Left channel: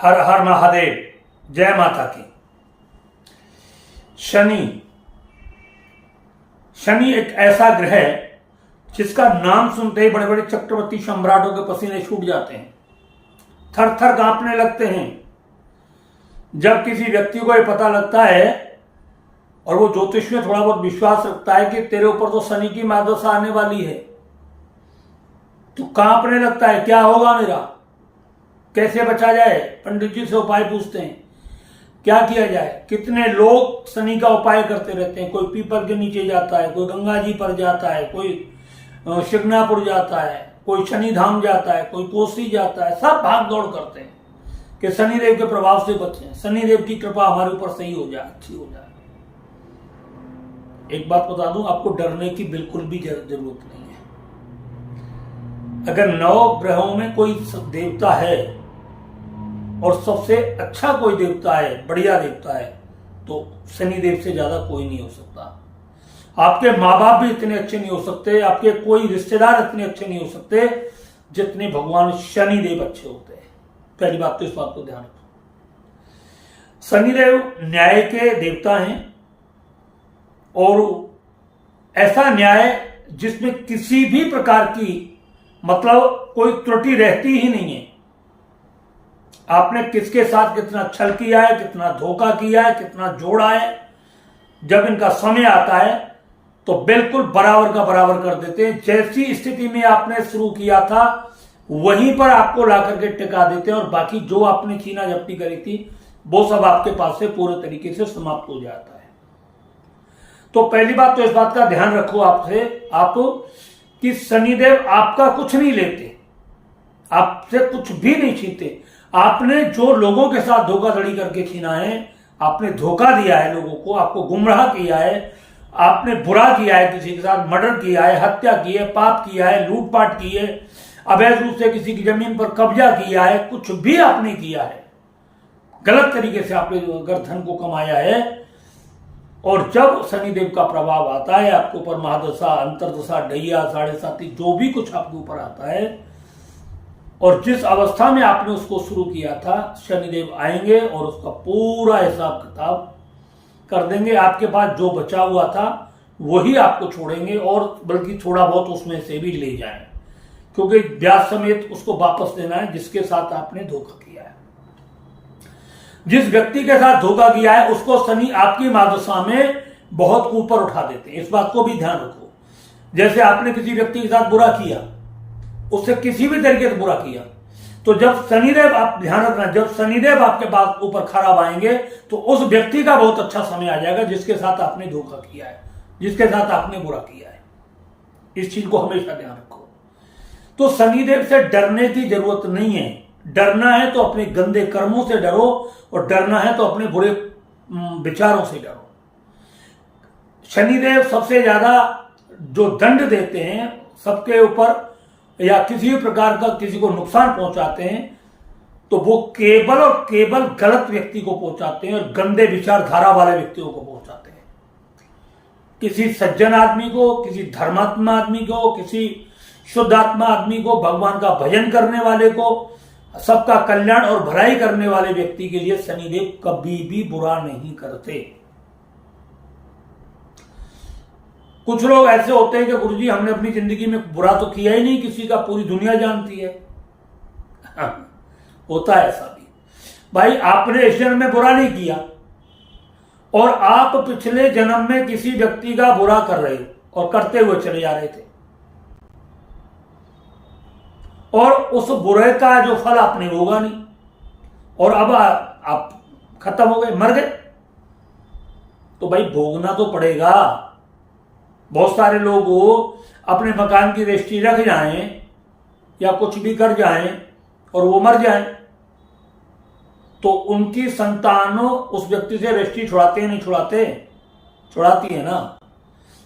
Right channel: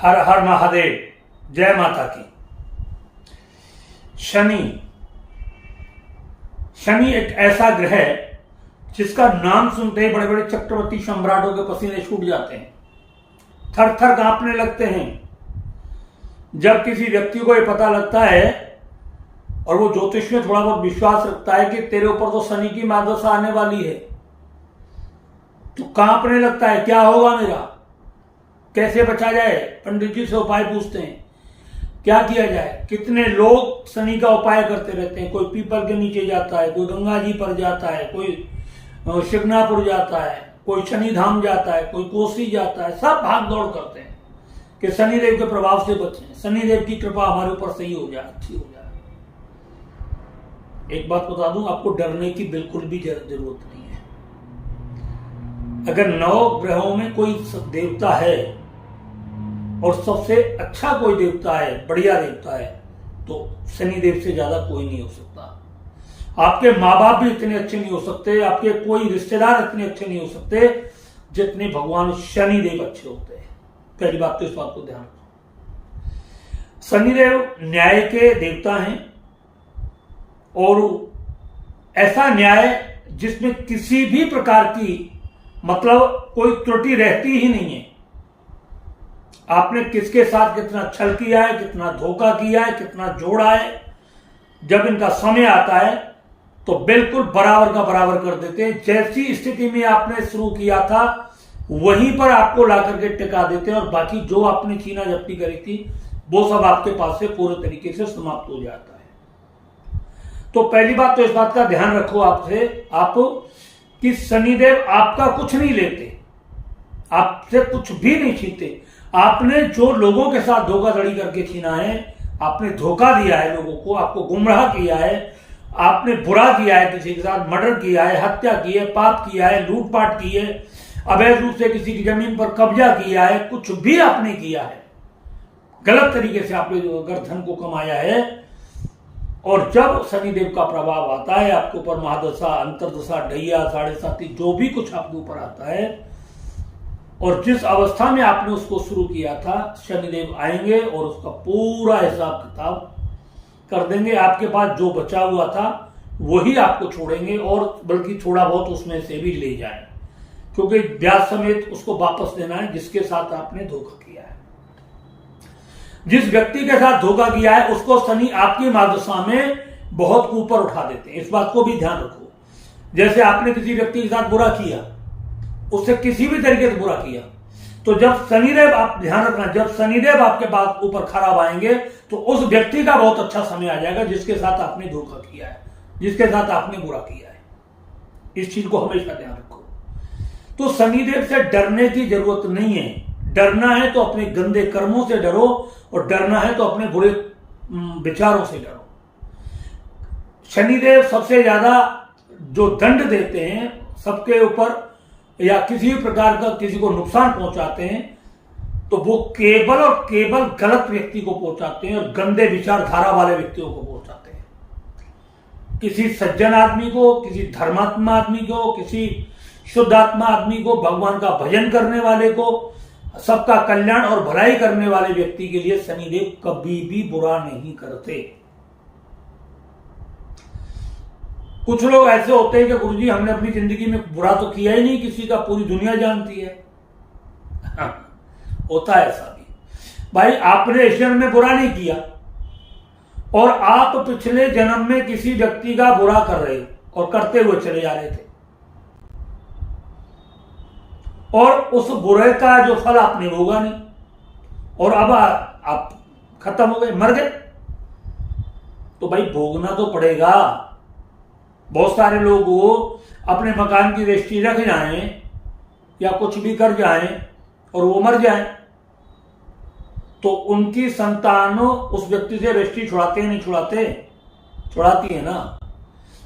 हर हर महादेव, जय माता की। शनि एक ऐसा ग्रह है जिसका नाम सुनते ही बड़े बड़े चक्रवर्ती सम्राटों के पसीने छूट जाते हैं, थर थर कांपने लगते हैं। जब किसी व्यक्ति को यह पता लगता है और वो ज्योतिष में थोड़ा बहुत विश्वास रखता है कि तेरे ऊपर तो शनि की महादशा आने वाली है, तो कांपने लगता है, क्या होगा मेरा, कैसे बचा जाए। पंडित जी से उपाय पूछते हैं, क्या किया जाए। कितने लोग शनि का उपाय करते रहते हैं, कोई पीपल के नीचे जाता है, कोई गंगा जी पर जाता है, कोई शिग्नापुर जाता है, कोई शनि धाम जाता है, कोई कोसी जाता है, सब भाग दौड़ करते हैं कि शनिदेव के प्रभाव से बचें, शनिदेव की कृपा हमारे ऊपर सही हो जाए, अच्छी हो जाए। एक बात बता दूं, आपको डरने की बिल्कुल भी जरूरत नहीं है। अगर 9 ग्रहों में कोई देवता है और सबसे अच्छा कोई देवता है, बढ़िया देवता है, तो शनिदेव से ज्यादा कोई नहीं हो सकता। आपके माँ बाप भी इतने अच्छे नहीं हो सकते, आपके कोई रिश्तेदार इतने अच्छे नहीं हो सकते जितने भगवान शनिदेव अच्छे होते हैं। पहली बात तो इस बात को ध्यान रखो। शनिदेव न्याय के देवता हैं और ऐसा न्याय जिसमें किसी भी प्रकार की मतलब कोई त्रुटि रहती ही नहीं है। आपने किसके साथ कितना छल किया है, कितना धोखा किया है, कितना जोड़ा है, जब इनका समय आता है तो बिल्कुल बराबर का बराबर कर देते हैं। जैसी स्थिति में आपने शुरू किया था वहीं पर आपको ला करके टिका देते हैं और बाकी जो आपने छीना झपटी करी थी वो सब आपके पास से पूरे तरीके से समाप्त हो जाता है। तो पहली बात तो इस बात का ध्यान रखो आप कि शनिदेव आपका कुछ नहीं लेते, आपसे कुछ भी नहीं छीनते। आपने जो लोगों के साथ धोखाधड़ी करके छीना है, आपने धोखा दिया है लोगों को, आपको गुमराह किया है, आपने बुरा किया है, किसी के साथ मर्डर किया है, हत्या की है, पाप किया है, लूटपाट की है, अवैध रूप से किसी की जमीन पर कब्जा किया है, कुछ भी आपने किया है, गलत तरीके से आपने अगर धन को कमाया है, और जब शनिदेव का प्रभाव आता है आपके ऊपर, महादशा, अंतरदशा, ढैया, 7.5 जो भी कुछ आपके ऊपर आता है, और जिस अवस्था में आपने उसको शुरू किया था, शनिदेव आएंगे और उसका पूरा हिसाब किताब कर देंगे। आपके पास जो बचा हुआ था वही आपको छोड़ेंगे और बल्कि थोड़ा बहुत उसमें से भी ले जाएं, क्योंकि ब्याज समेत उसको वापस देना है जिसके साथ आपने धोखा किया है। जिस व्यक्ति के साथ धोखा किया है उसको शनि आपकी महादशा में बहुत ऊपर उठा देते हैं, इस बात को भी ध्यान रखो। जैसे आपने किसी व्यक्ति के साथ बुरा किया, उससे किसी भी तरीके से बुरा किया, तो जब शनिदेव, आप ध्यान रखना, जब शनिदेव आपके पास ऊपर खराब आएंगे तो उस व्यक्ति का बहुत अच्छा समय आ जाएगा जिसके साथ आपने धोखा किया है, जिसके साथ आपने बुरा किया है। इस चीज को हमेशा ध्यान रखो। तो शनिदेव से डरने की जरूरत नहीं है। डरना है तो अपने गंदे कर्मों से डरो और डरना है तो अपने बुरे विचारों से डरो। शनिदेव सबसे ज्यादा जो दंड देते हैं सबके ऊपर या किसी भी प्रकार का किसी को नुकसान पहुंचाते हैं तो वो केवल और केवल गलत व्यक्ति को पहुंचाते हैं और गंदे विचारधारा वाले व्यक्तियों को पहुंचाते हैं। किसी सज्जन आदमी को, किसी धर्मात्मा आदमी को, किसी शुद्ध आत्मा आदमी को, भगवान का भजन करने वाले को, सबका कल्याण और भलाई करने वाले व्यक्ति के लिए शनिदेव कभी भी बुरा नहीं करते। कुछ लोग ऐसे होते हैं कि गुरुजी हमने अपनी जिंदगी में बुरा तो किया ही नहीं किसी का, पूरी दुनिया जानती है। होता है ऐसा भी। भाई आपने इस जन्म में बुरा नहीं किया और आप पिछले जन्म में किसी व्यक्ति का बुरा कर रहे और करते हुए चले जा रहे थे, और उस बुरे का जो फल आपने भोगा नहीं, और अब आप खत्म हो गए, मर गए, तो भाई भोगना तो पड़ेगा। बहुत सारे लोग अपने मकान की रजिस्ट्री रख जाएं या कुछ भी कर जाएं और वो मर जाएं तो उनकी संतान उस व्यक्ति से रजिस्ट्री छुड़ाते हैं, नहीं छुड़ाते? छुड़ाती है ना।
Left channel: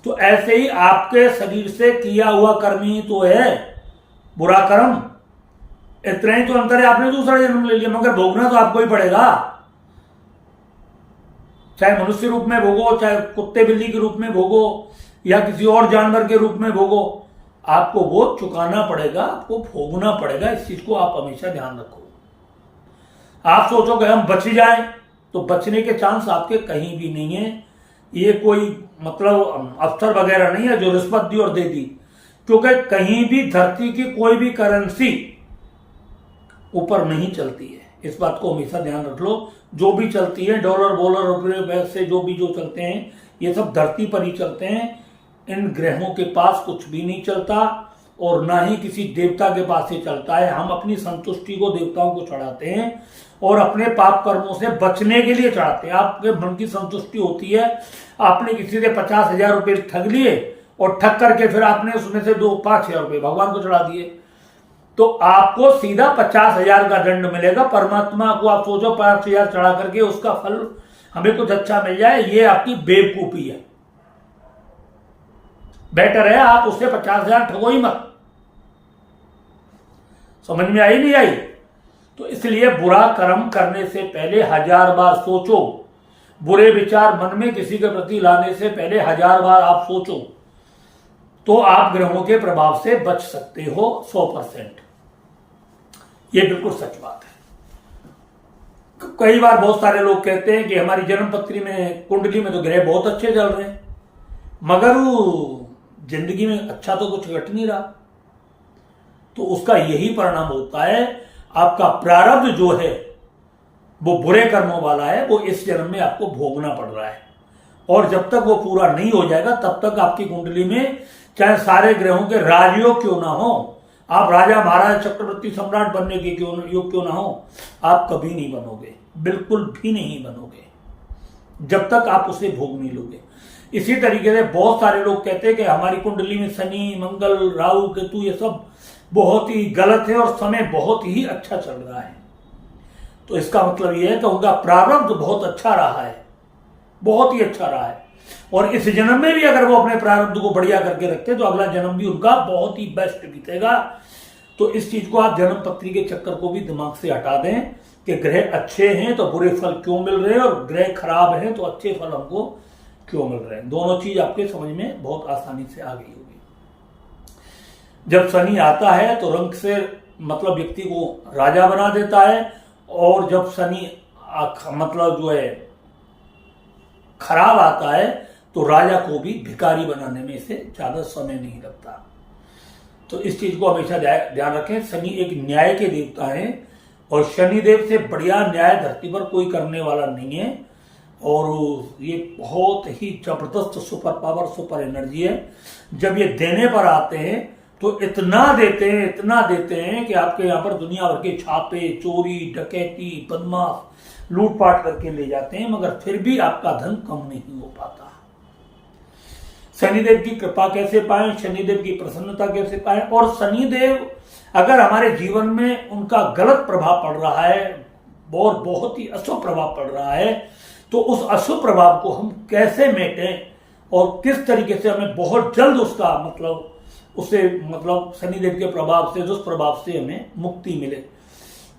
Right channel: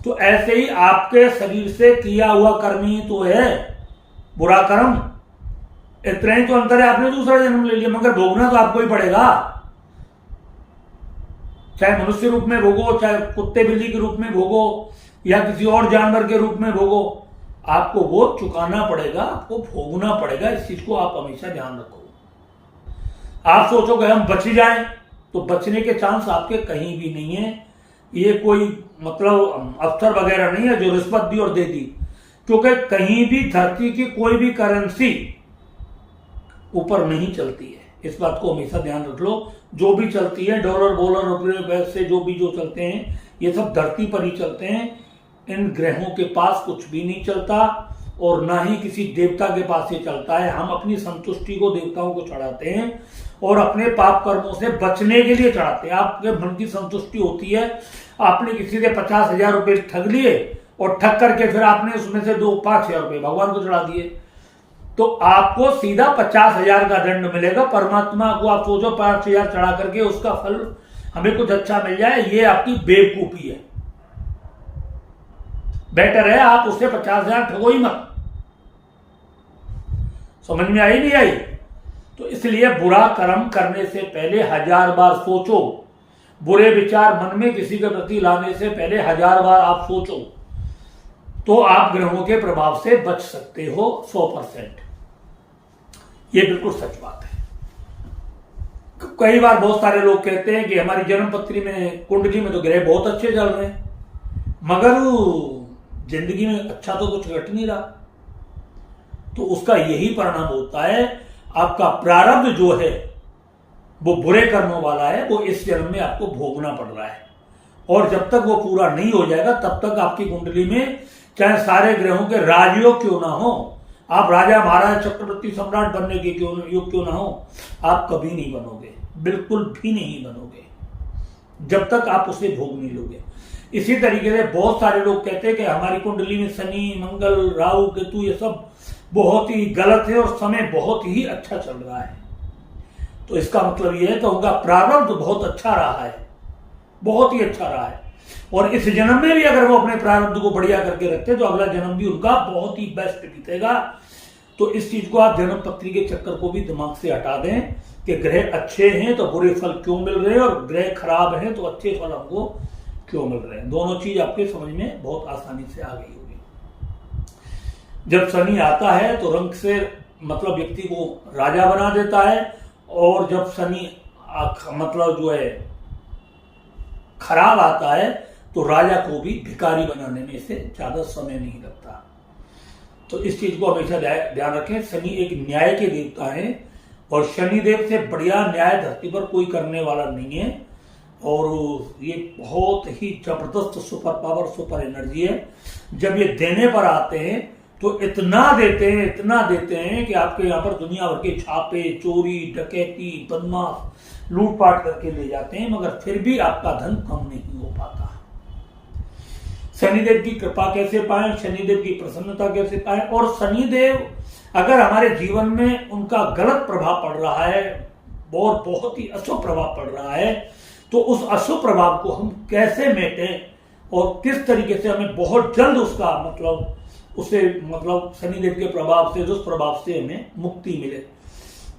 तो ऐसे ही आपके शरीर से किया हुआ कर्म ही तो है बुरा कर्म। इतना ही तो अंतर है, आपने दूसरा जन्म ले लिया मगर भोगना तो आपको ही पड़ेगा। चाहे मनुष्य रूप में भोगो, चाहे कुत्ते बिल्ली के रूप में भोगो या किसी और जानवर के रूप में भोगो, आपको वो चुकाना पड़ेगा, आपको भोगना पड़ेगा। इस चीज को आप हमेशा ध्यान रखो। आप सोचोगे हम बच जाएं, तो बचने के चांस आपके कहीं भी नहीं है। ये कोई मतलब अफसर वगैरह नहीं है जो रिश्वत दी और दे दी, क्योंकि कहीं भी धरती की कोई भी करेंसी ऊपर नहीं चलती है। इस बात को हमेशा ध्यान रख लो। जो भी चलती है, डॉलर वॉलर रुपये पैसे जो चलते हैं, ये सब धरती पर ही चलते हैं। इन ग्रहों के पास कुछ भी नहीं चलता और ना ही किसी देवता के पास ये चलता है। हम अपनी संतुष्टि को देवताओं को चढ़ाते हैं और अपने पाप कर्मों से बचने के लिए चढ़ाते हैं। आपके मन की संतुष्टि होती है, आपने किसी से 50,000 रुपये ठग लिए और ठग करके फिर आपने उसमें से 5,000 रुपये भगवान को चढ़ा दिए, तो आपको सीधा 50,000 का दंड मिलेगा। परमात्मा को आप सोचो 5,000 चढ़ा करके उसका फल हमें कुछ अच्छा मिल जाए, ये आपकी बेवकूफी है। बेटर है आप उससे 50,000 ठगो ही मत। समझ में आई नहीं आई? तो इसलिए बुरा कर्म करने से पहले 1000 बार सोचो। बुरे विचार मन में किसी के प्रति लाने से पहले 1000 बार आप सोचो, तो आप ग्रहों के प्रभाव से बच सकते हो 100%। ये बिल्कुल सच बात है। कई बार बहुत सारे लोग कहते हैं कि हमारी जन्म पत्री में, कुंडली में तो ग्रह बहुत अच्छे चल रहे हैं, मगर जिंदगी में अच्छा तो कुछ घट नहीं रहा। तो उसका यही परिणाम होता है, आपका प्रारब्ध जो है वो बुरे कर्मों वाला है, वो इस जन्म में आपको भोगना पड़ रहा है। और जब तक वो पूरा नहीं हो जाएगा तब तक आपकी कुंडली में चाहे सारे ग्रहों के राजयोग क्यों ना हो, आप राजा महाराज चक्रवर्ती सम्राट बनने के योग क्यों ना हो, आप कभी नहीं बनोगे, बिल्कुल भी नहीं बनोगे जब तक आप उसे भोग नहीं लोगे। इसी तरीके से बहुत सारे लोग कहते हैं कि हमारी कुंडली में शनि, मंगल, राहु, केतु ये सब बहुत ही गलत है और समय बहुत ही अच्छा चल रहा है। तो इसका मतलब यह है कि उनका प्रारब्ध बहुत अच्छा रहा है, बहुत ही अच्छा रहा है, और इस जन्म में भी अगर वो अपने प्रारब्ध को बढ़िया करके रखते तो अगला जन्म भी उनका बहुत ही बेस्ट बीतेगा। तो इस चीज को आप जन्म पत्री के चक्कर को भी दिमाग से हटा दें कि ग्रह अच्छे हैं तो बुरे फल क्यों मिल रहे हैं, और ग्रह खराब हैं तो अच्छे फल हमको क्यों मिल रहे हैं। दोनों चीज आपके समझ में बहुत आसानी से आ गई होगी। जब शनि आता है तो रंग से मतलब व्यक्ति को राजा बना देता है, और जब शनि मतलब जो है खराब आता है तो राजा को भी भिखारी बनाने में इसे ज्यादा समय नहीं लगता। तो इस चीज को हमेशा ध्यान रखें। शनि एक न्याय के देवता हैं और शनिदेव से बढ़िया न्याय धरती पर कोई करने वाला नहीं है, और ये बहुत ही जबरदस्त सुपर पावर, सुपर एनर्जी है। जब ये देने पर आते हैं तो इतना देते हैं कि आपके यहाँ पर दुनिया भर के छापे, चोरी, डकैती, बदमाश लूटपाट करके ले जाते हैं, मगर फिर भी आपका धन कम नहीं हो पाता। शनिदेव की कृपा कैसे पाएं, शनिदेव की प्रसन्नता कैसे पाएं, और शनिदेव अगर हमारे जीवन में उनका गलत प्रभाव पड़ रहा है और बहुत ही अशुभ प्रभाव पड़ रहा है, तो उस अशुभ प्रभाव को हम कैसे मेटें और किस तरीके से हमें बहुत जल्द उसका मतलब उससे मतलब शनिदेव के प्रभाव से, दुष्प्रभाव से हमें मुक्ति मिले।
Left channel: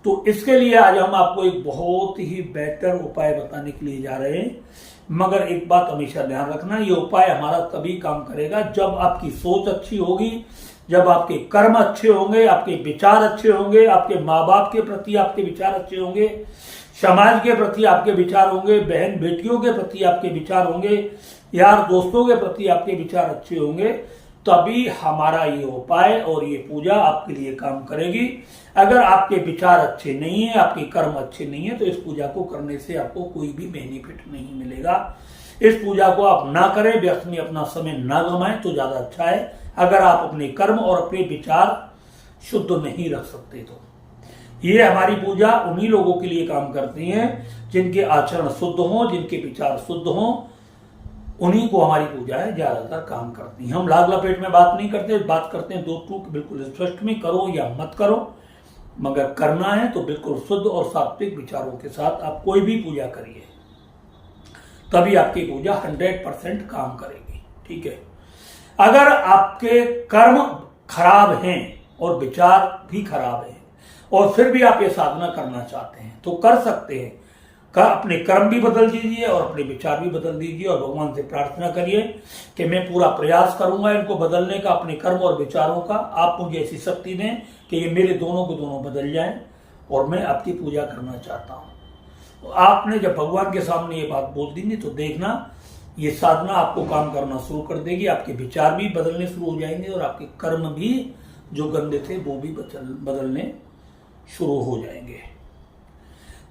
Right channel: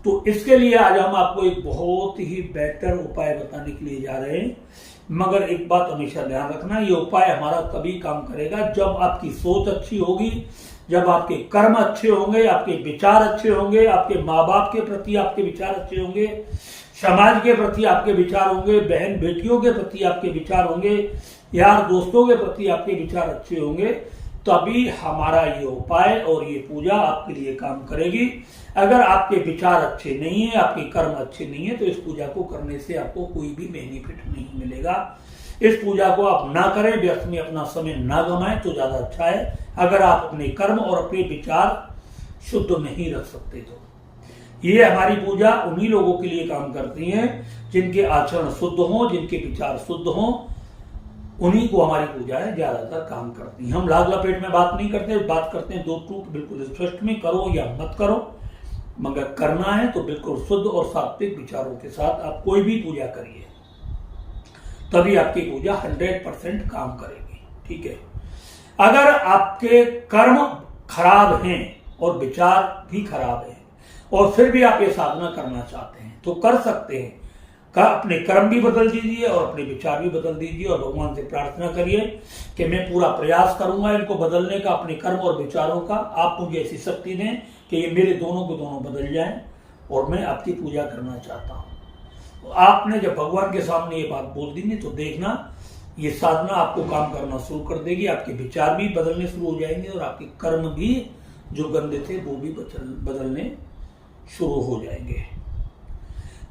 तो इसके लिए आज हम आपको एक बहुत ही बेहतर उपाय बताने के लिए जा रहे हैं। मगर एक बात हमेशा ध्यान रखना, ये उपाय हमारा तभी काम करेगा जब आपकी सोच अच्छी होगी, जब आपके कर्म अच्छे होंगे, आपके विचार अच्छे होंगे, आपके माँ बाप के प्रति आपके विचार अच्छे होंगे, समाज के प्रति आपके विचार होंगे, बहन बेटियों के प्रति आपके विचार होंगे, यार दोस्तों के प्रति आपके विचार अच्छे होंगे, तभी हमारा ये उपाय और ये पूजा आपके लिए काम करेगी। अगर आपके विचार अच्छे नहीं है, आपके कर्म अच्छे नहीं है, तो इस पूजा को करने से आपको कोई भी बेनिफिट नहीं मिलेगा। इस पूजा को आप ना करें, व्यर्थ में अपना समय ना गंवाएं तो ज्यादा अच्छा है। अगर आप अपने कर्म और अपने विचार शुद्ध नहीं रख सकते तो ये हमारी पूजा उन्हीं लोगों के लिए काम करती है जिनके आचरण शुद्ध हों, जिनके विचार शुद्ध हों, उन्हीं को हमारी पूजाएं ज्यादातर काम करती हैं। हम लाग लपेट में बात नहीं करते, बात करते हैं दो टूक बिल्कुल स्पष्ट में, करो या मत करो, मगर करना है तो बिल्कुल शुद्ध और सात्विक विचारों के साथ आप कोई भी पूजा करिए, तभी आपकी पूजा 100% काम करेगी। ठीक है, अगर आपके कर्म खराब हैं और विचार भी खराब हैं और फिर भी आप ये साधना करना चाहते हैं तो कर सकते हैं। अपने कर्म भी बदल दीजिए और अपने विचार भी बदल दीजिए और भगवान से प्रार्थना करिए कि मैं पूरा प्रयास करूंगा इनको बदलने का, अपने कर्म और विचारों का। आप मुझे ऐसी शक्ति दें कि ये मेरे दोनों को दोनों बदल जाएं और मैं आपकी पूजा करना चाहता हूँ। आपने जब भगवान के सामने ये बात बोल दी तो देखना ये साधना आपको काम करना शुरू कर देगी, आपके विचार भी बदलने शुरू हो जाएंगे और आपके कर्म भी जो गंदे थे वो भी बदलने शुरू हो जाएंगे।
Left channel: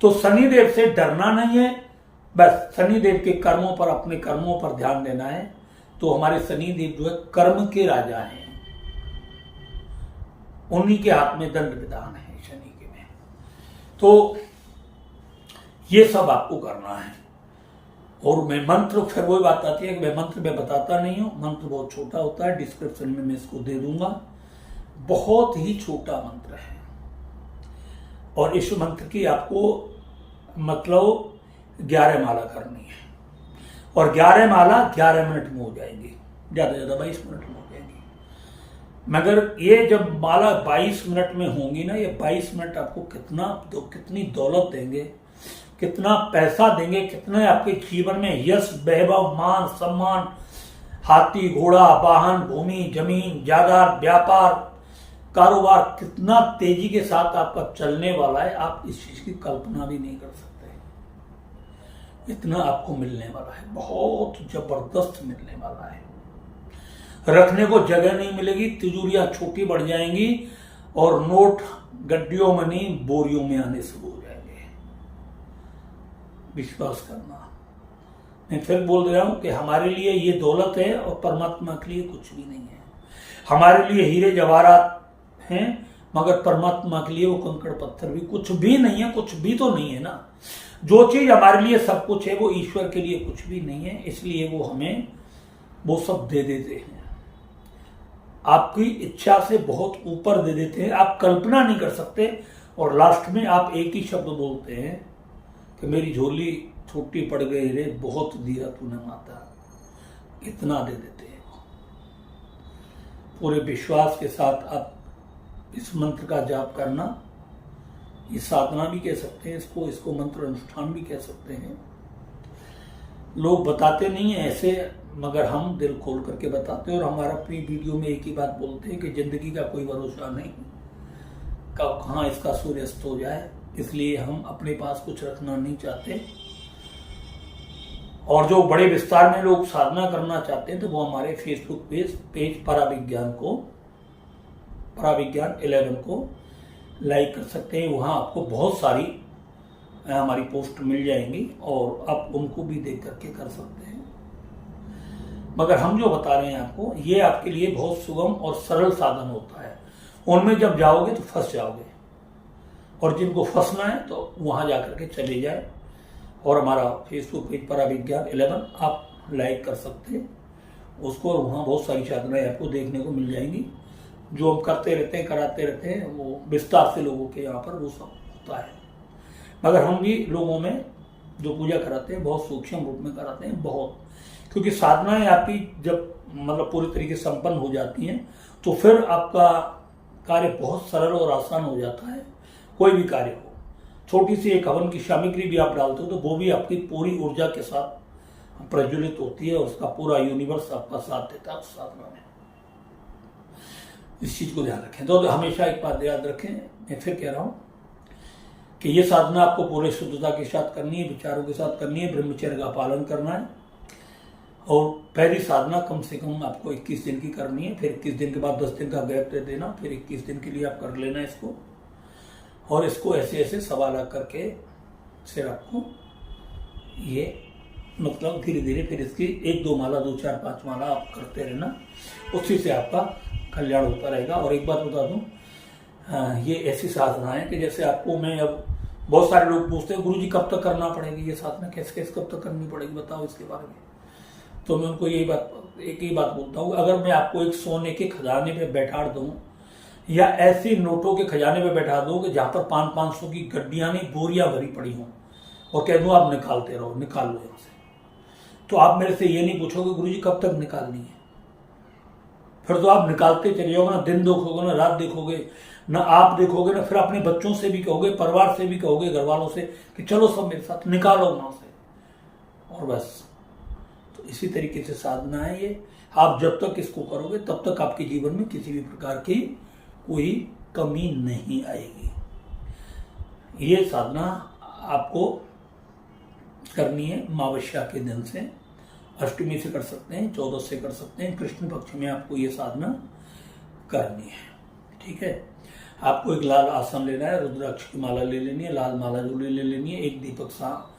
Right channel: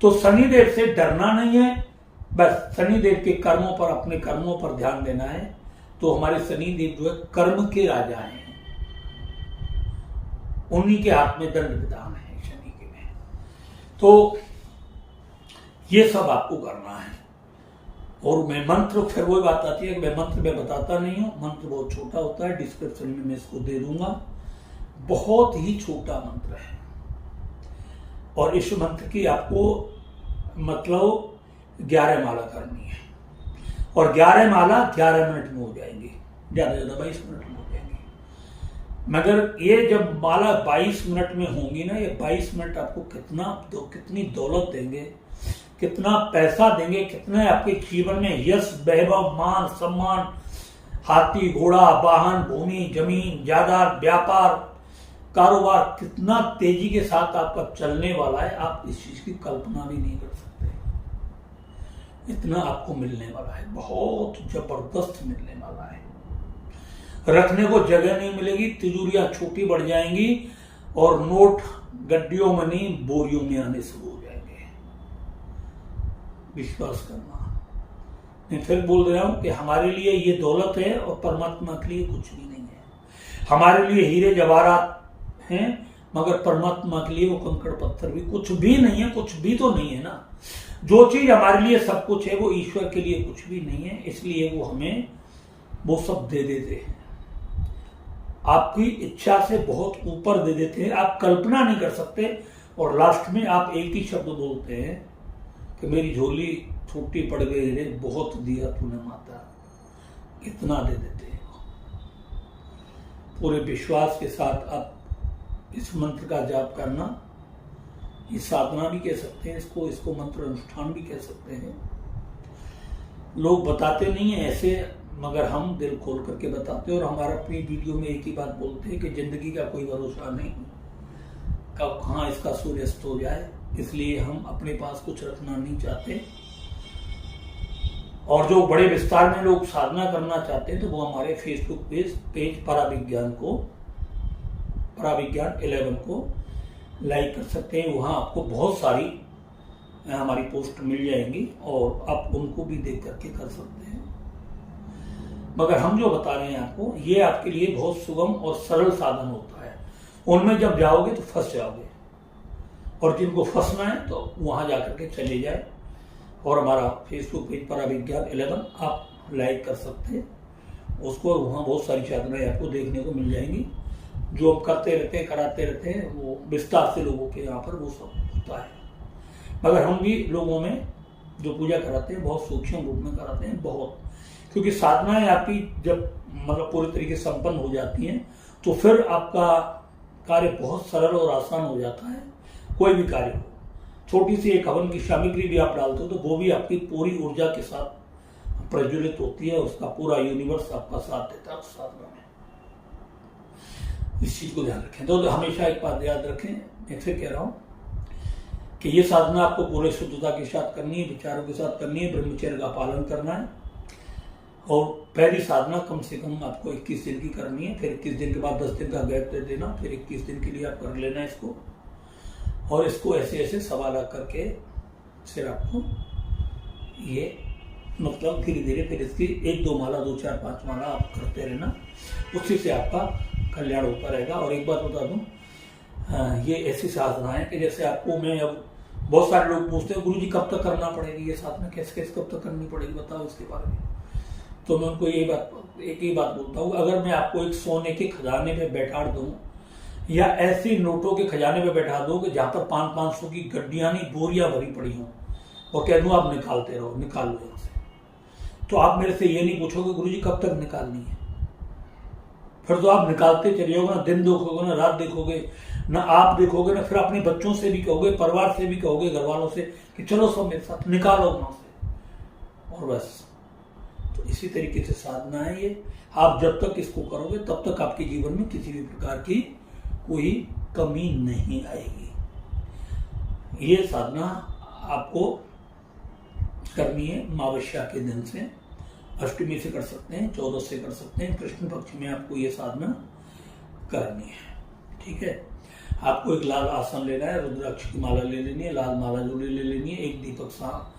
तो शनिदेव से डरना नहीं है, बस शनिदेव के कर्मों पर, अपने कर्मों पर ध्यान देना है। तो हमारे शनिदेव जो है कर्म के राजा हैं, उन्हीं के हाथ में दंड विधान है शनि के में। तो ये सब आपको करना है। और मैं मंत्र, फिर वही बात आती है कि मैं मंत्र में बताता नहीं हूं, मंत्र बहुत छोटा होता है, डिस्क्रिप्शन में मैं इसको दे दूंगा। बहुत ही छोटा मंत्र है और इस मंत्र की आपको मतलब 11 माला करनी है और 11 माला 11 मिनट में हो जाएंगी, ज्यादा से ज्यादा 22 मिनट में हो जाएंगी। मगर ये जब माला 22 मिनट में होंगी ना, ये 22 मिनट आपको कितनी दौलत देंगे, कितना पैसा देंगे, कितने आपके जीवन में यश, वैभव, मान, सम्मान, हाथी, घोड़ा, वाहन, भूमि, जमीन, जायदाद, व्यापार, कारोबार कितना तेजी के साथ आपका चलने वाला है, आप इस चीज की कल्पना भी नहीं कर सकते। इतना आपको मिलने वाला है, बहुत जबरदस्त मिलने वाला है। रखने को जगह नहीं मिलेगी, तिजोरियां छोटी बढ़ जाएंगी और नोट गड्डियों में नहीं बोरियों में आने शुरू हो जाएंगे। विश्वास करना। मैं फिर बोल रहा हूं कि हमारे लिए ये दौलत है और परमात्मा के लिए कुछ भी नहीं है। हमारे लिए हीरे जवाहरात हैं, मगर परमात्मा के लिए वो कंकड़ पत्थर भी कुछ भी नहीं है। कुछ भी तो नहीं है ना। जो चीज हमारे लिए सब कुछ है वो ईश्वर के लिए कुछ भी नहीं है, इसलिए वो हमें वो सब दे देते हैं। आपकी इच्छा से बहुत ऊपर दे देते हैं, आप कल्पना नहीं कर सकते। और लास्ट में आप एक ही शब्द बोलते हैं कि मेरी झोली छोटी पड़ गई रे, बहुत दिया तूने माता, इतना दे देते हैं। पूरे विश्वास के साथ आप इस मंत्र का जाप करना, ये साधना भी कह सकते हैं इसको मंत्र अनुष्ठान भी कह सकते हैं। लोग बताते नहीं है ऐसे, मगर हम दिल खोल करके बताते हैं। और हमारा अपनी वीडियो में एक ही बात बोलते हैं कि जिंदगी का कोई भरोसा नहीं, कब कहाँ इसका सूर्यास्त हो जाए, इसलिए हम अपने पास कुछ रखना नहीं चाहते। और जो बड़े विस्तार में लोग साधना करना चाहते हैं तो वो हमारे फेसबुक पेज पराविज्ञान 11 को लाइक कर सकते हैं। वहां आपको बहुत सारी हमारी पोस्ट मिल जाएंगी और आप उनको भी देख करके कर सकते हैं। मगर हम जो बता रहे हैं आपको, ये आपके लिए बहुत सुगम और सरल साधन होता है। उनमें जब जाओगे तो फंस जाओगे, और जिनको फंसना है तो वहां जाकर के चले जाए और हमारा फेसबुक पेज पराविज्ञान 11 आप लाइक कर सकते हैं उसको, और वहां बहुत सारी साधनाएं आपको देखने को मिल जाएंगी जो हम करते रहते हैं, कराते रहते हैं। वो विस्तार से लोगों के यहाँ पर वो सब होता है। मगर हम भी लोगों में जो पूजा कराते हैं बहुत सूक्ष्म रूप में कराते हैं, बहुत, क्योंकि साधनाएं आपकी जब मतलब पूरी तरीके से संपन्न हो जाती हैं तो फिर आपका कार्य बहुत सरल और आसान हो जाता है। कोई भी कार्य हो, छोटी सी एक हवन की सामग्री भी आप डालते हो तो वो भी आपकी पूरी ऊर्जा के साथ प्रज्वलित होती है, उसका पूरा यूनिवर्स आपका साथ देता है साधना में। इस चीज को ध्यान रखें। तो हमेशा एक बात याद रखें, मैं फिर कह रहा हूं कि ये साधना आपको पूरे शुद्धता के साथ करनी है, विचारों के साथ करनी है, ब्रह्मचर्य का पालन करना है। और पहली साधना कम से कम आपको 21 दिन की करनी है, फिर 21 दिन के बाद 10 दिन का गैप दे देना, फिर 21 दिन के लिए आप कर लेना इसको। और इसको ऐसे ऐसे सवाल करके फिर आपको ये मतलब धीरे धीरे फिर इसकी 1-2 माला, 2, 4, 5 माला आप करते रहना, उसी से आपका कल्याण होता रहेगा। और एक बात बता दूं, ये ऐसी साधना है कि जैसे आपको मैं, अब बहुत सारे लोग पूछते हैं गुरुजी कब तक करना पड़ेगी ये साधना, कैसे कब तक करनी पड़ेगी, बताओ इसके बारे में। तो मैं उनको एक ही बात बोलता हूँ, अगर मैं आपको एक सोने के खजाने पे बैठा दूं या ऐसी नोटों के खजाने पे बैठा दूं कि जहां पर 500 की गड्डियां नहीं बोरियां भरी पड़ी हों और कह दूं आप निकालते रहो, निकाल लो यहां से, तो आप मेरे से ये नहीं पूछोगे गुरुजी कब तक निकालनी है। फिर तो आप निकालते चले जाओगे ना, दिन देखोगे ना, रात देखोगे ना, आप देखोगे ना, फिर अपने बच्चों से भी कहोगे, परिवार से भी कहोगे, घर वालों से कि चलो सब मेरे साथ निकालो वहां से, और बस। तो इसी तरीके से साधना है ये। आप जब तक इसको करोगे तब तक आपके जीवन में किसी भी प्रकार की कोई कमी नहीं आएगी। ये साधना आपको करनी है अमावस्या के दिन से, अष्टमी से कर सकते हैं, 14 से कर सकते हैं, कृष्ण पक्ष में आपको ये साधना करनी है। ठीक है, आपको एक लाल आसन लेना है, रुद्राक्ष की माला ले लेनी है, लाल माला जो ले लेनी है, एक दीपक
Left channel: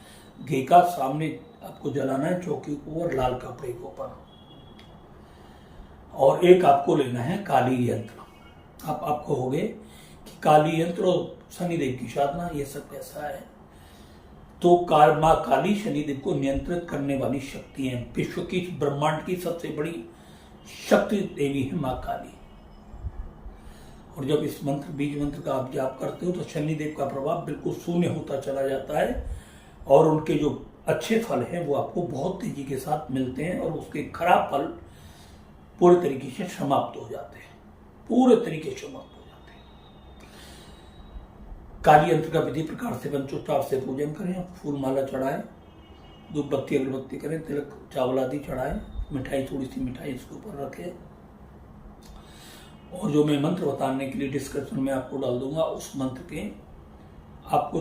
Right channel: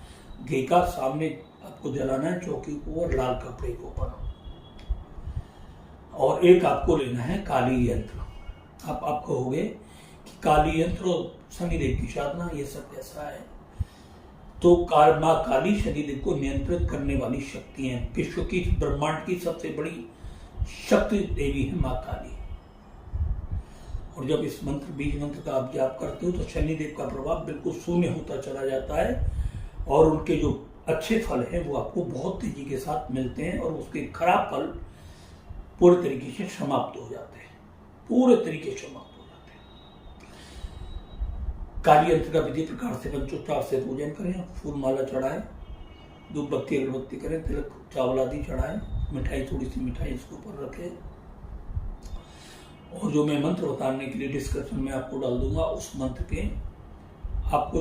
घी का सामने आपको जलाना है, चौकी को और लाल कपड़े के ऊपर, और एक आपको लेना है काली यंत्र। आप कहोगे कि काली यंत्र और शनिदेव की साधना ये सब कैसा है? तो माँ काली शनिदेव को नियंत्रित करने वाली शक्ति है, विश्व की ब्रह्मांड की सबसे बड़ी शक्ति देवी है माँ काली। और जब इस मंत्र बीज मंत्र का आप जाप करते हो तो शनिदेव का प्रभाव बिल्कुल शून्य होता चला जाता है, और उनके जो अच्छे फल हैं वो आपको बहुत तेजी के साथ मिलते हैं, और उसके खराब फल पूरे तरीके से समाप्त हो जाते हैं, पूरे तरीके से समाप्त हो जाते हैं। काली यंत्र का विधि प्रकार से पंचोपचार से पूजन करें, फूल माला चढ़ाएं, धूप बत्ती अगरबत्ती करें, तिलक चावल आदि चढ़ाएं, मिठाई थोड़ी सी मिठाई इसके ऊपर रखें, और जो मैं मंत्र बताने के लिए डिस्क्रिप्शन में आपको डाल दूंगा उस मंत्र के आपको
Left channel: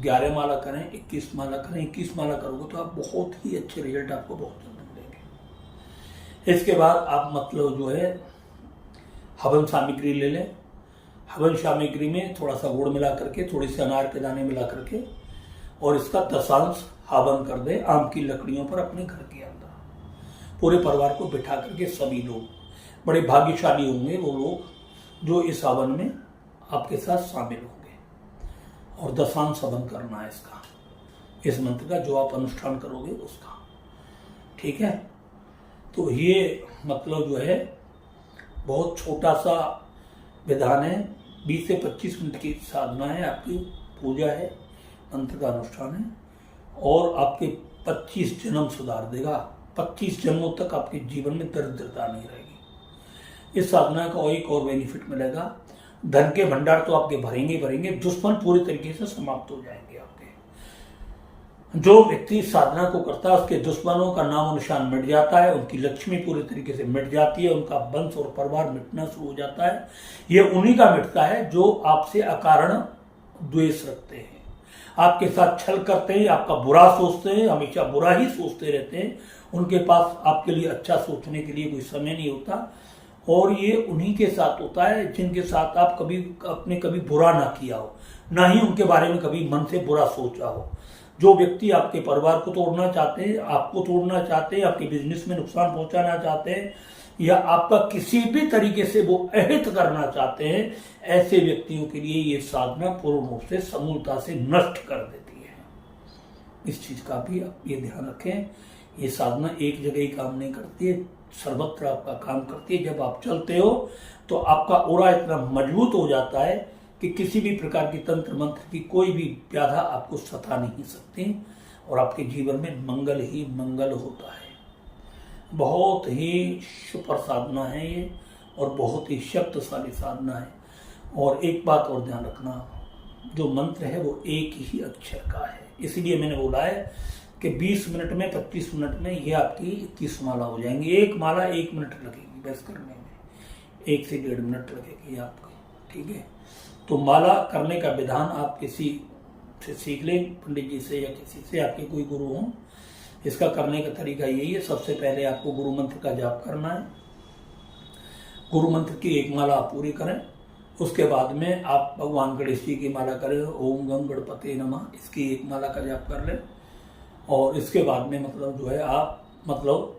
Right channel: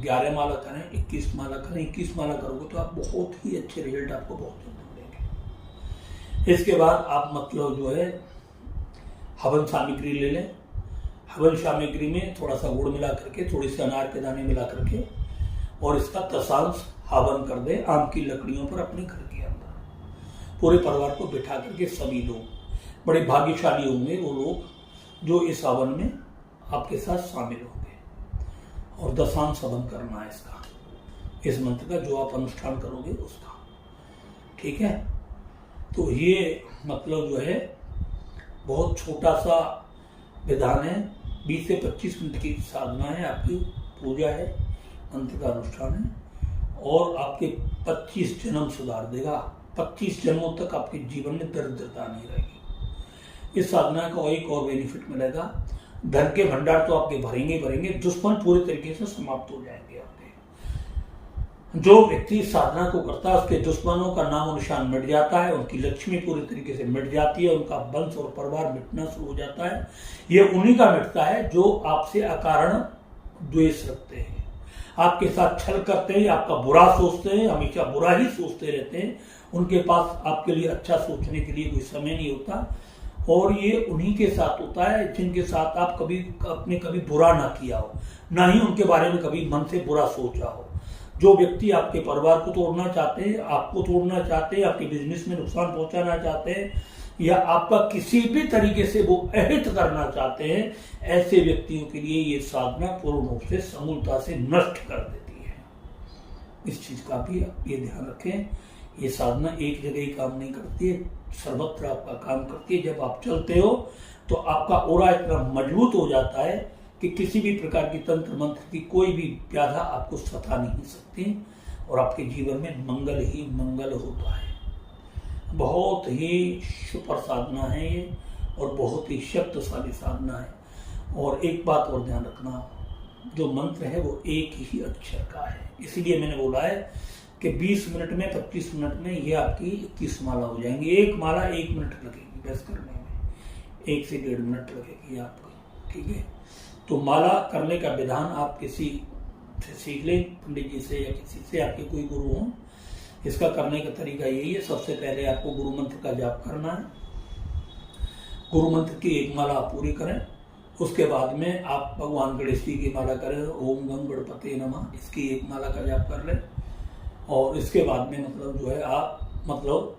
11 माला करें, 21 माला करें। 21 माला करोगे तो आप बहुत ही अच्छे रिजल्ट आपको बहुत जल्द मिलेंगे। इसके बाद आप मतलब जो है हवन सामग्री ले लें, हवन सामग्री में थोड़ा सा गुड़ मिला करके, थोड़ी सी अनार के दाने मिला करके, और इसका दशांश हवन कर दें आम की लकड़ियों पर अपने घर के अंदर। पूरे परिवार को बिठा करके सभी लोग, बड़े भाग्यशाली होंगे वो लोग जो इस हवन में आपके साथ शामिल होंगे, और दशांश हवन करना है इसका, इस मंत्र का जो आप अनुष्ठान करोगे उसका। ठीक है, तो ये मतलब जो है बहुत छोटा सा विधान है, 20 से 25 मिनट की साधना है, आपकी पूजा है, मंत्र का अनुष्ठान है, और आपके 25 जन्म सुधार देगा। 25 जन्मों तक आपके जीवन में दरिद्रता नहीं रहेगी। इस साधना का एक और बेनिफिट मिलेगा, धन के भंडार तो आपके भरेंगे भरेंगे, दुश्मन पूरे तरीके से समाप्त हो जाएंगे आपके। जो व्यक्ति साधना को करता है उसके दुश्मनों का नाम निशान मिट जाता है, उनकी लक्ष्मी पूरी तरीके से मिट जाती है, उनका वंश और परिवार मिटना शुरू हो जाता है। ये उन्हीं का मिटता है जो आपसे अकारण द्वेष रखते हैं, आपके साथ छल करते हैं, आपका बुरा सोचते हैं, हमेशा बुरा ही सोचते रहते हैं। उनके पास आपके लिए अच्छा सोचने के लिए कोई समय नहीं होता, और ये उन्हीं के साथ होता है जिनके साथ आप कभी बुरा ना किया हो, ना ही उनके बारे में कभी मन से बुरा सोचा हो। जो व्यक्ति आपके परिवार को तोड़ना चाहते हैं, आपको तोड़ना चाहते हैं, आपके बिजनेस में नुकसान पहुंचाना चाहते हैं, या आपका किसी भी तरीके से वो अहित करना चाहते हैं, ऐसे व्यक्तियों के लिए ये साधना पूर्ण रूप से समूलता से नष्ट कर देती है। इस चीज का भी आप ये ध्यान रखें। ये साधना एक जगह ही काम नहीं करती है, सर्वत्र आपका काम करती है। जब आप चलते हो तो आपका ओरा इतना मजबूत हो जाता है कि किसी भी प्रकार की तंत्र मंत्र की कोई भी व्याधा आपको सता नहीं सकती, और आपके जीवन में मंगल ही मंगल होता है। बहुत ही सुपर साधना है ये, और बहुत ही शक्तिशाली साधना है। और एक बात और ध्यान रखना, जो मंत्र है वो एक ही अक्षर का है, इसलिए मैंने बोला है कि 20 मिनट में 25 मिनट में ये आपकी 21 माला हो जाएंगी। एक माला 1 मिनट लगेगी बस करने में, 1 से 1.5 मिनट लगेगी आपको। ठीक है, तो माला करने का विधान आप किसी से सीख लें, पंडित जी से या किसी से, आपके कोई गुरु हों। इसका करने का तरीका यही है, सबसे पहले आपको गुरु मंत्र का जाप करना है। गुरु मंत्र की एक माला आप पूरी करें, उसके बाद में आप भगवान गणेश जी की माला करें, ओम गंग गणपते नमः, इसकी एक माला का जाप कर लें। और इसके बाद में मतलब जो है आप मतलब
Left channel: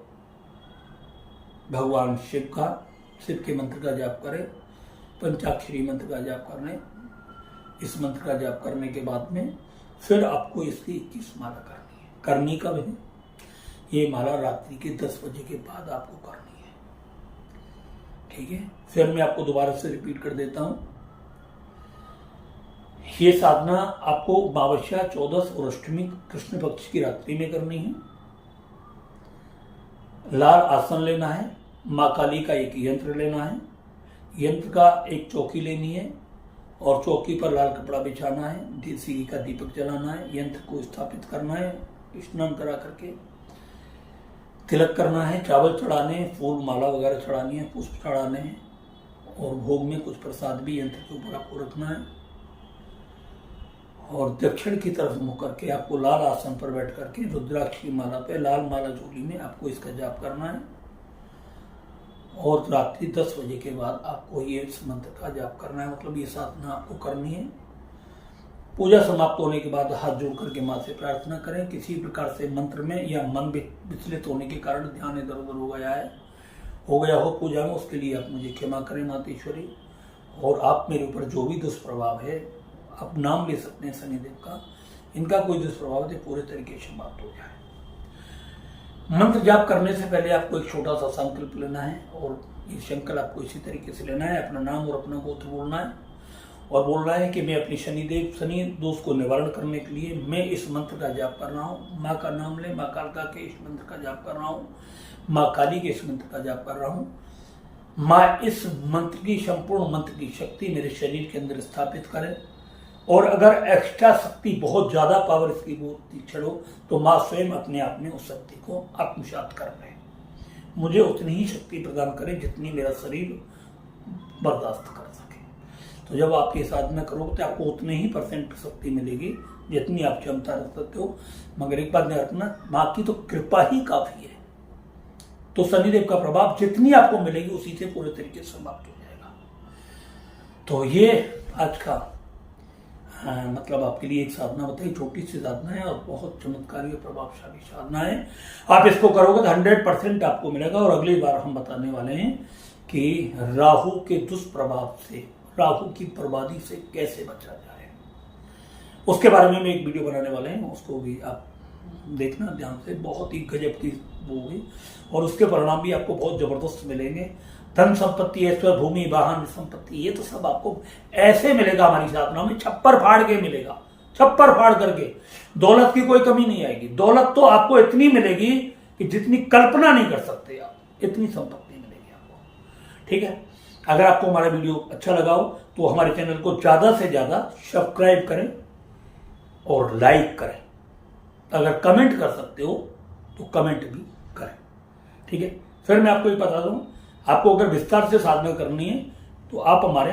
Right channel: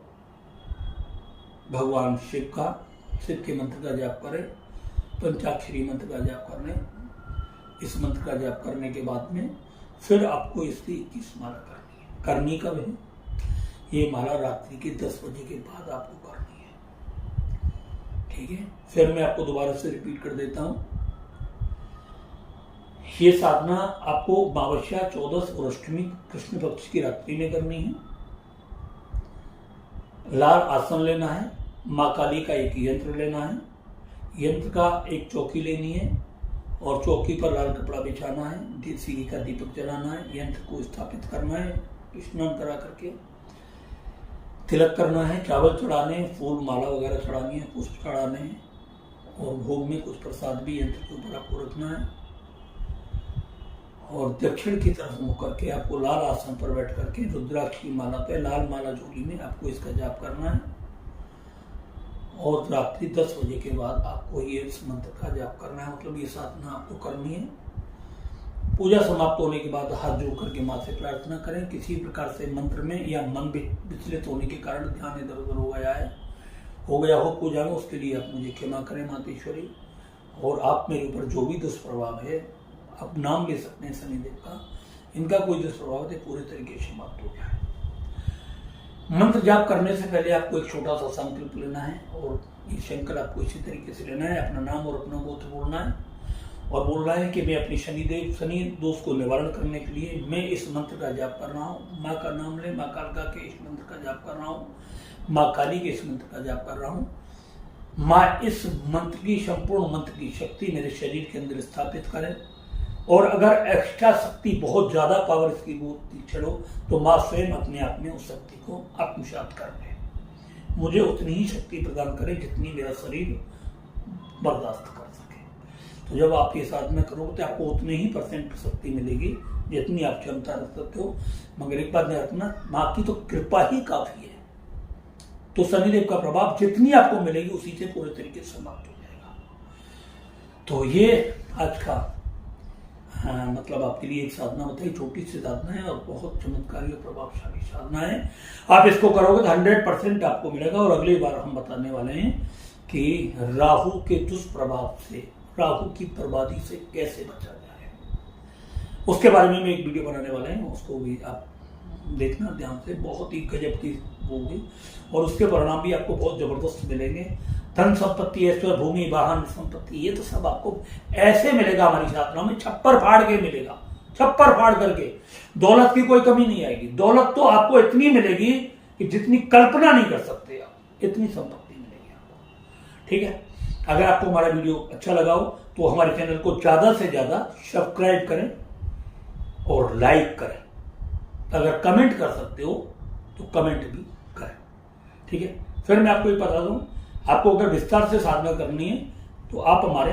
भगवान शिव के मंत्र का जाप करें, पंचाक्षरी मंत्र का जाप कर लें। इस मंत्र का जाप करने के बाद में फिर आपको इसकी 21 माला करनी है। करनी कब है? ये माला रात्रि के 10 बजे के बाद आपको करनी है। ठीक है, फिर मैं आपको दोबारा से रिपीट कर देता हूं। ये साधना आपको अमावस्या, 14 और अष्टमी कृष्ण पक्ष की रात्रि में करनी है। लाल आसन लेना है, माँ काली का एक यंत्र लेना है, यंत्र का एक चौकी लेनी है, और चौकी पर लाल कपड़ा बिछाना है, देसी घी का दीपक जलाना है, यंत्र को स्थापित करना है, स्नान करा करके तिलक करना है, चावल चढ़ाने, फूल माला वगैरह चढ़ानी है, पुष्प चढ़ाने हैं, और भोग में कुछ प्रसाद भी यंत्र के ऊपर आपको रखना है। और दक्षिण की तरफ मुख करके आपको लाल आसन पर बैठ करके रुद्राक्ष की माला पे लाल माला झोली में आपको इसका जाप करना है। और रात्रि 10 बजे के बाद आपको ये इस मंत्र का जाप करना है, मतलब ये साधना आपको करनी है। पूजा समाप्त होने के बाद हाथ जोड़ करके माँ से प्रार्थना करें। किसी प्रकार से मंत्र में या मन विचलित होने के कारण ध्यान इधर उधर हो गया हो पूजा में, उसके लिए आप मुझे क्षमा करें मातेश्वरी। और आप मेरे ऊपर जो भी दुष्प्रभाव है, आप नाम ले सकते हैं शनिदेव का, इनका कोई दुष्प्रभाव है पूरे तरीके से समाप्त हो जाए। मंत्र जाप करने से पहले आपको एक छोटा सा संकल्प लेना है और ये संकल्प आपको इसी तरीके से लेना है। अपना नाम और अपना गोत्र बोलना है और बोलना है कि मैं अपनी शनि दोष को निवारण करने के लिए मैं इस मंत्र का जाप कर रहा हूँ। माँ का नाम ले, माँ कालका के इस मंत्र का जाप कर रहा हूँ, माँ काली के इस मंत्र का जाप कर रहा हूँ। माँ इस मंत्र की, संपूर्ण मंत्र की शक्ति मेरे शरीर के अंदर स्थापित करें। और अगर एक्स्ट्रा शक्ति, बहुत ज्यादा पावर इसकी तीक्षण हो तो माँ स्वयं अपने आप में उस शक्ति को आत्मसात कर ले। मुझे उतनी ही शक्ति प्रदान करे जितनी मेरा शरीर बर्दाश्त कर सके। तो जब आप ये साधना करोगे तो आपको उतने ही % शक्ति मिलेगी जितनी आप क्षमता रख सकते हो। मगर एक बात ध्यान रखना, माँ की तो कृपा ही काफी है। तो शनिदेव का प्रभाव जितनी आपको मिलेगी उसी से पूरे तरीके से समाप्त हो जाएगा। तो ये आज का मतलब आपके लिए एक साधना बताई, छोटी सी साधना है और बहुत चमत्कारी और प्रभावशाली साधना है। आप इसको करोगे तो 100% आपको मिलेगा। और अगली बार हम बताने वाले हैं कि राहु के दुष्प्रभाव से, राहु की बर्बादी से कैसे बचा जाए, उसके बारे में एक वीडियो बनाने वाले हैं, उसको भी आप देखना ध्यान से। बहुत ही गजब की वो होगी और उसके परिणाम भी आपको बहुत जबरदस्त मिलेंगे। धन संपत्ति, ऐश्वर्य, भूमि, वाहन, संपत्ति, ये तो सब आपको ऐसे मिलेगा हमारी साधना में, छप्पर फाड़ के मिलेगा, छप्पर फाड़ करके। दौलत की कोई कमी नहीं आएगी। दौलत तो आपको इतनी मिलेगी कि जितनी कल्पना नहीं कर सकते आप, इतनी संपत्ति मिलेगी आपको। ठीक है, अगर आपको हमारा वीडियो अच्छा लगा हो तो हमारे चैनल को ज्यादा से ज्यादा सब्सक्राइब करें और लाइक करें। अगर कमेंट कर सकते हो तो कमेंट भी करें। ठीक है, फिर मैं आपको ये बता दूं, आपको अगर विस्तार से साधना करनी है तो आप हमारे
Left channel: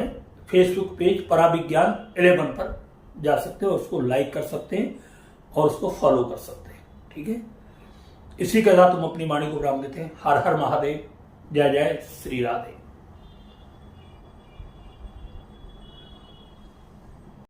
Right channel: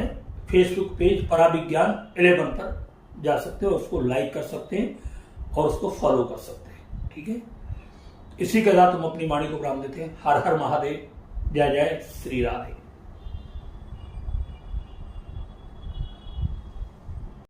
फेसबुक पेज पराविज्ञान 11 पर जा सकते हो, उसको लाइक कर सकते हैं और उसको फॉलो कर सकते हैं। ठीक है, इसी के साथ हम अपनी वाणी को विराम देते हैं। हर हर महादेव, जय जय श्री राधे।